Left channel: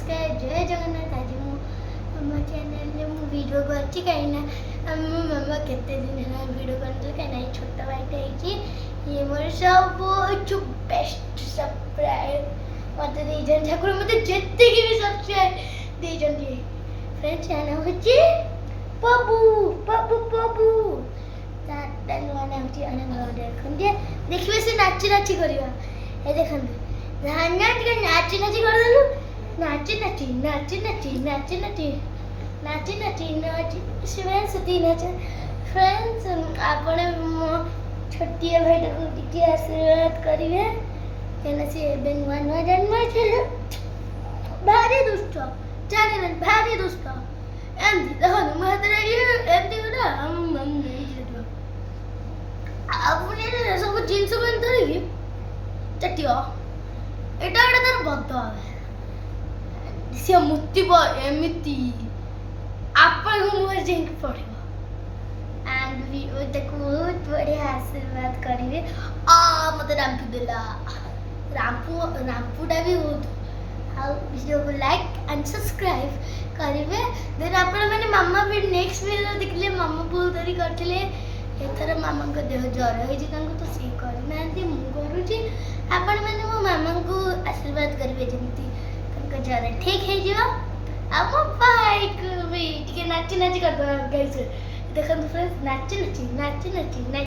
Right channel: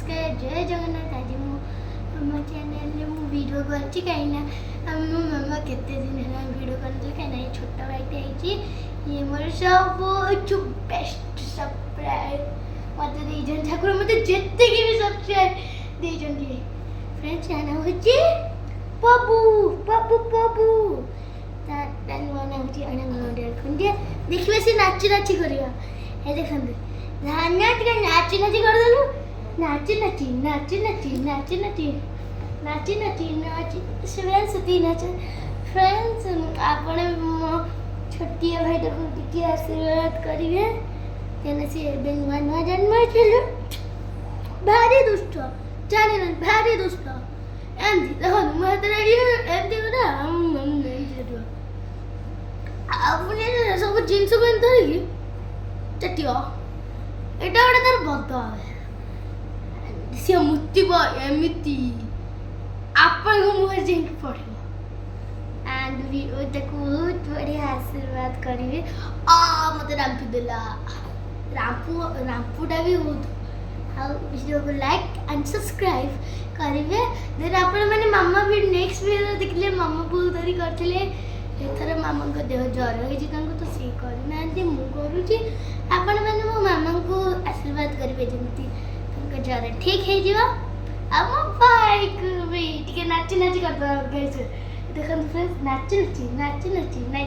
नमस्कार जय जगन्नाथ। आज मो चैनल मु वीडियो करछि कहीं मो मामा केते दिन है वीडियो करते कहीं छोटा भाईटे है ये मोर सब बेस्ट सरप्राइज मत देजन ठाकुर मत जेते की भी सब्सक्राइब देजन लिए फ्रेंड्स आना होछि बाबू बाबू बाबू ता नुआ ना होछि आना देखंदे देखिबे से नाची नाची करबा ए देखंदे नाच के नाची नाची कर दलु नाची नाची नाची नाची नाची नाची नाची नाची नाची फ्रेंड्स तीन नाच फ्रेंड्स आपण छोटी भाई को किती आशीर्वाद करिवे केना से बेन नुआ जन्म छलो भारी दुष्ट जाने न भारी दुष्ट एंड देखो मत रही एंडी गोटा आपने सब जिंस को धरिकी चटियो एटा गोटे तार बद सी मुतिब एमती आपण मुहर जाइक पड़ो एंड बहुत बढ़िया आशीर्वाद करेंगे मत रामपू देला रामपूटा भी बहुत वीडियो को लाइक एंड सब्सक्राइब करेंगे देन आपण माने मामा भी नेक्स्ट वीडियो देखले मामा बहुत देरी करथिले एथर मामा को देह ज्वर होई जे तांको तो से करना मु करूची आपण माने मो मामा को आशीर्वाद करेंगे जमती तांको ज्वर ठीक है जो अब भाई को भी टिके नाची नाची कर दो देखो फ्रेंड्स नाची नाची नाची नाची